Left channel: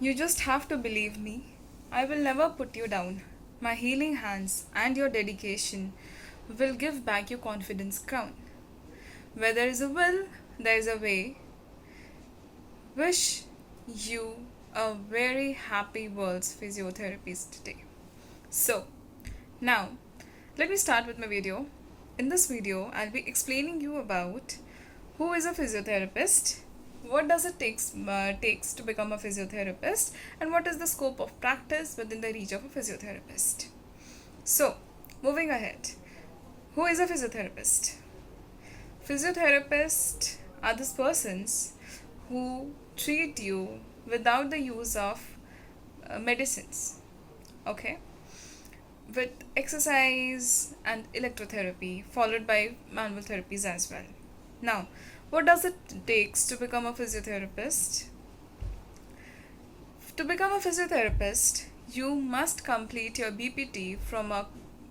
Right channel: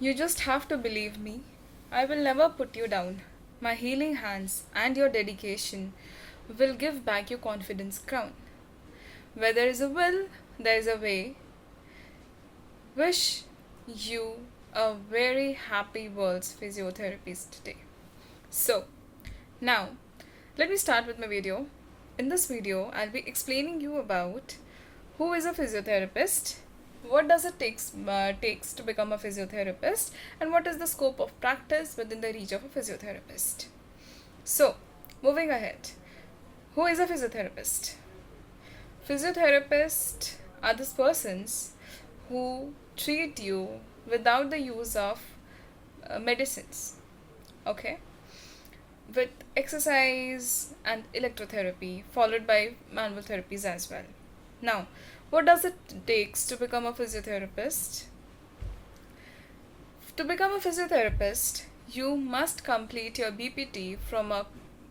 You just have to believe me. I will never put you down. My healing hands and your dedication will give back your confidence crown. Where there is a will, there is a way. Wish you a very happy World's Physiotherapist today. So, now let me start with my video. In this video, I'll be explaining you about who is a physiotherapist, what does it takes to become a physiotherapist, and what is the scope of practice within the reach of a physiotherapist. So, moving ahead, who is a physiotherapist? Physiotherapists are those persons who treat you without the use of medicines, okay, with exercise and electrotherapy followed by manual therapies as well. Now, what does it takes to become a physiotherapist? To become a physiotherapist, you must complete your BPT from a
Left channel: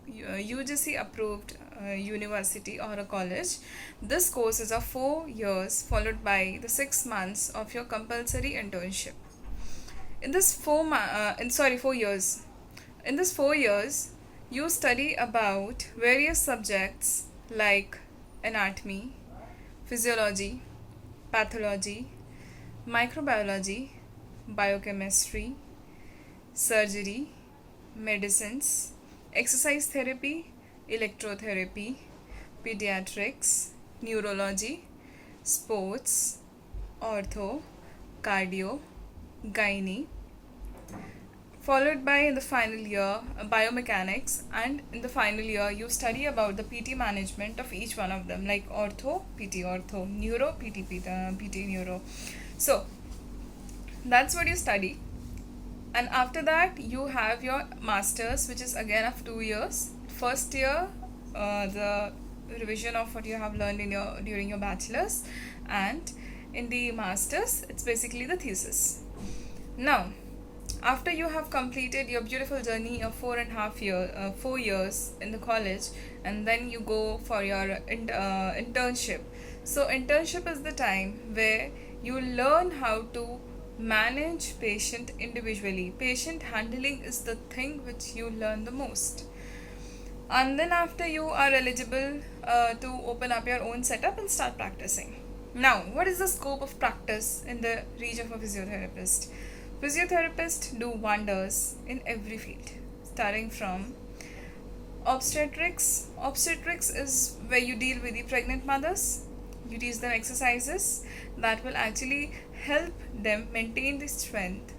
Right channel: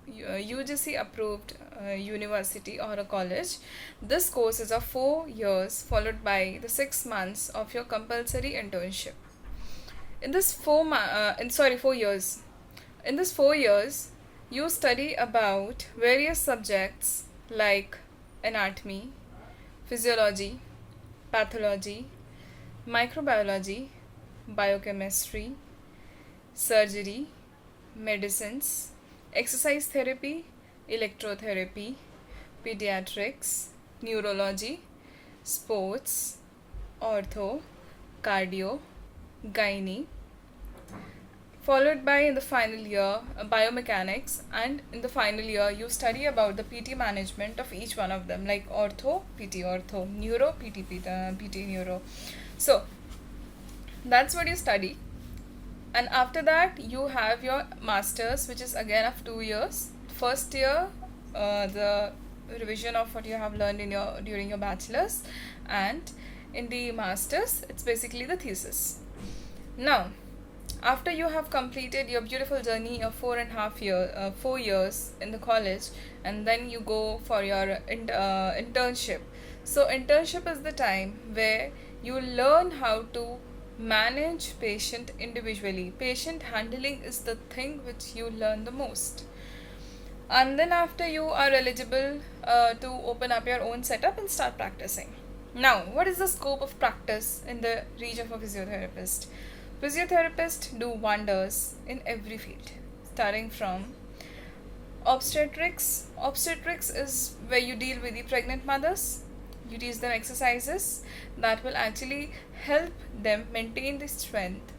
UGC approved university or a college. This course is of 4 years followed by the 6 months of your compulsory internship. In this 4 years. In this 4 years, you study about various subjects like anatomy, physiology, pathology, microbiology, biochemistry, surgery, medicines, exercise therapy, electrotherapy, pediatrics, neurology, sports, ortho, cardio, gynae, followed by in the final year biomechanics, and in the final year you study about the PT management of each one of them, like ortho, PT ortho, neuro, PT neuro. So that's what you study, and after that you have your masters, which is again of 2 years. First year, the revision of what you have learned in your during your bachelor's, and in the masters it's basically the thesis. Now, after you have completed your beautiful journey of 4 years in the college, and then you go for your internship. So internship is the time where you learn how to manage patient individually. Patient handling is the thing which you learn the most. And then after, you are eligible to open up your own setup and start practicing. Now, what is the scope of practice in the reach of a physiotherapist? Physiotherapists do wonders in every field, starting from obstetrics. Obstetrics is where you deal with the pregnant mothers. You teach them exercises that will actually help them maintain the strength,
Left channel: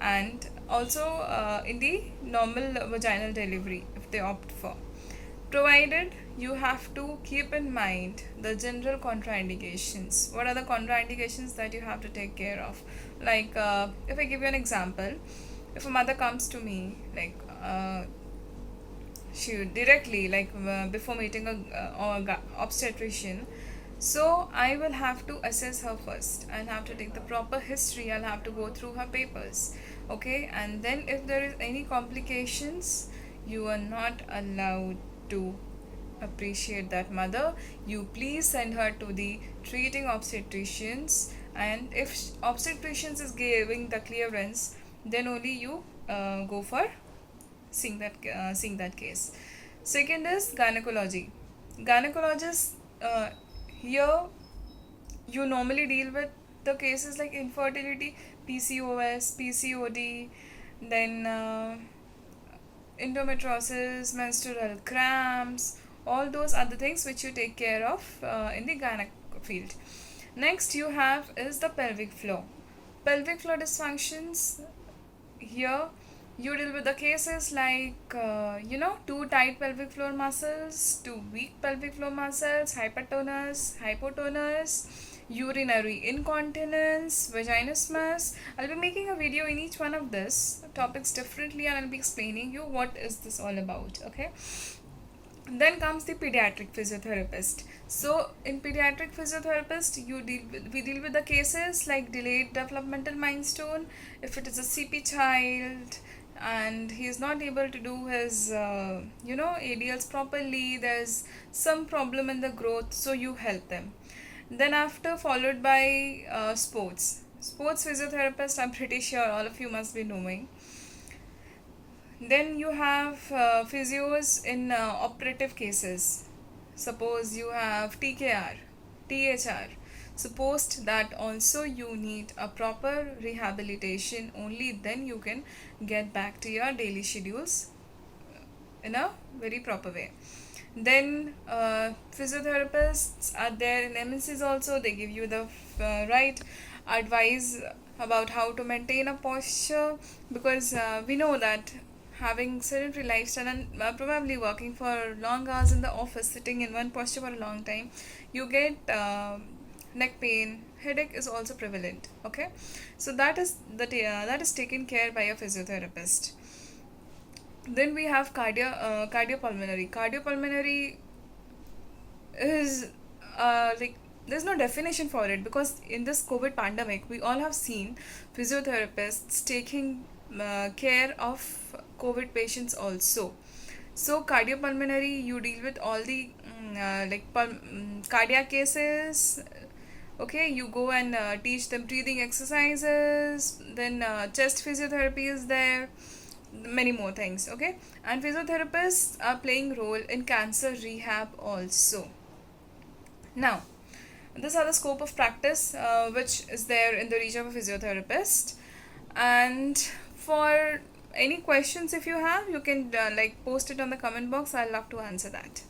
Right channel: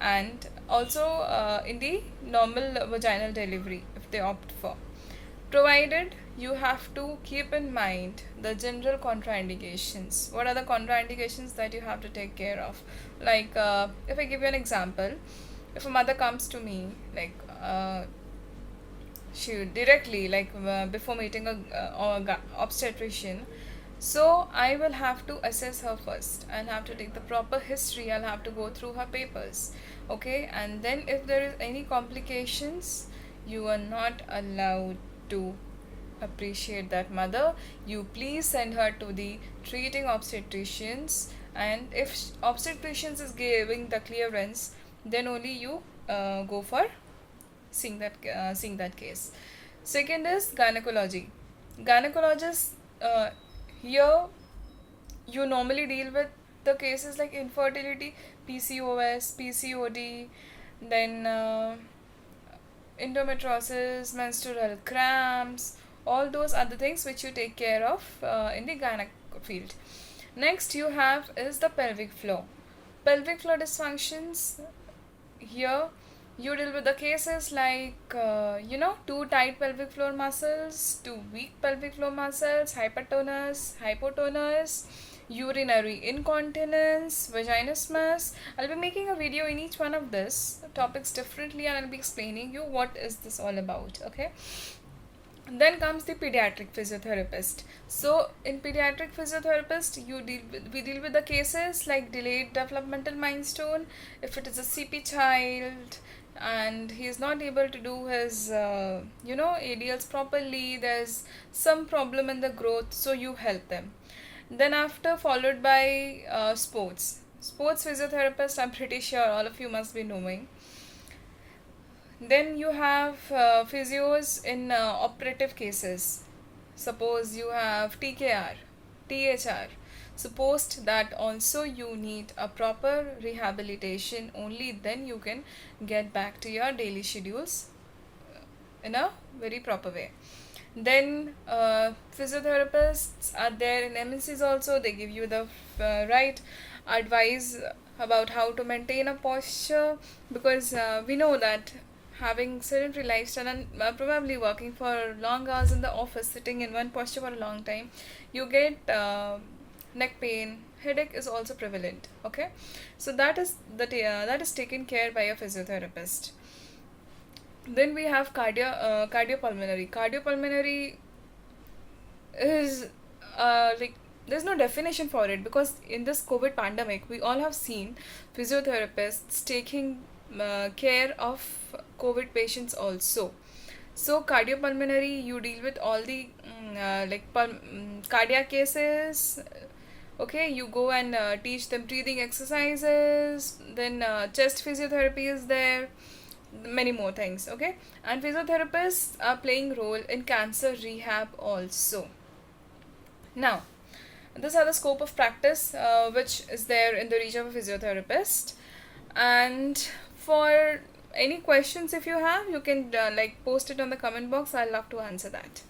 and also in the normal vaginal delivery if they opt for, provided you have to keep in mind the general contraindications. What are the contraindications that you have to take care of? Like, if I give you an example, if a mother comes to me, like she directly, like before meeting a obstetrician, so I will have to assess her first. I'll have to take the proper history. I'll have to go through her papers, okay? And then if there is any complications, you are not allowed to appreciate that mother. You please send her to the treating obstetricians, and if obstetricians is giving the clearance, then only you go for seeing that case. Second is gynecology. Gynecologists, here you normally deal with the cases like infertility, PCOS, PCOD, then endometriosis, menstrual cramps. All those are the things which you take care of in the gynec field. Next you have is the pelvic floor. Pelvic floor dysfunctions. Here you deal with the cases like too tight pelvic floor muscles, too weak pelvic floor muscles, hypotonus, urinary incontinence, vaginismus. I'll be making a video in each one of these topics differently, and I'll be explaining you what is this all about, okay? Then comes the pediatric physiotherapist. So in pediatric physiotherapist, we deal with the cases like delayed developmental milestone. If it is a CP child and he is not able to do his ADLs properly, there's some problem in the growth, so you help them. Then after, followed by sports. Sports physiotherapist, I'm pretty sure all of you must be knowing. Then you have physios in operative cases. Suppose you have TKR, THR. Supposed that also you need a proper rehabilitation, only then you can get back to your daily schedules in a very proper way. Then physiotherapists are there in MNCs also. They give you the right advice about how to maintain a posture, because we know that having sedentary lifestyle and probably working for long hours in the office, sitting in one posture for a long time, you get neck pain, headache is also prevalent. Okay, so that is taken care by a physiotherapist. Then we have cardiopulmonary. Cardiopulmonary is like, there's no definition for it, because in this COVID pandemic we all have seen physiotherapists taking care of COVID patients also. So cardiopulmonary, you deal with all the cardiac cases. Okay, you go and teach them breathing exercises. Then chest physiotherapy is there, many more things. Okay, and physiotherapists are playing role in cancer rehab also. Now, these are the scope of practice which is there in the reach of a physiotherapist. And for any questions if you have, you can post it on the comment box. I'll love to answer that.